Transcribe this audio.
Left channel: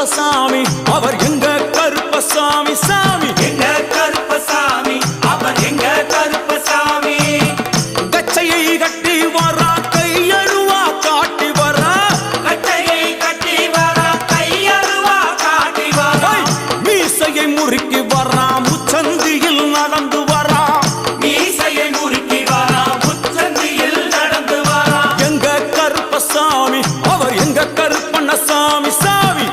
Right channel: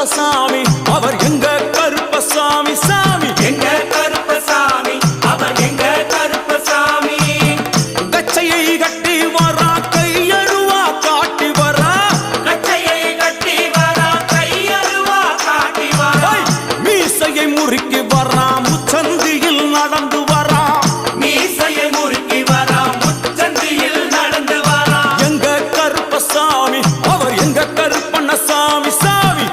கருப்பசாமி அவர் எங்க கருப்பசாமி சாமி எங்க கருப்பசாமி அவர் எங்க கருப்பசாமி கச்சையை கட்டி வரா கையழுவா காட்டி வரா கச்சையை கட்டி வரா கையழுவா காட்டி வரா மீசையை முறுக்கி வரா முச்சந்தியில் நடந்து வரா மீசையை முறுக்கி வரா முச்சந்தியில் நடந்து வரா எங்க கருப்பசாமி அவர் எங்க கருப்பண்ணசாமி சாமி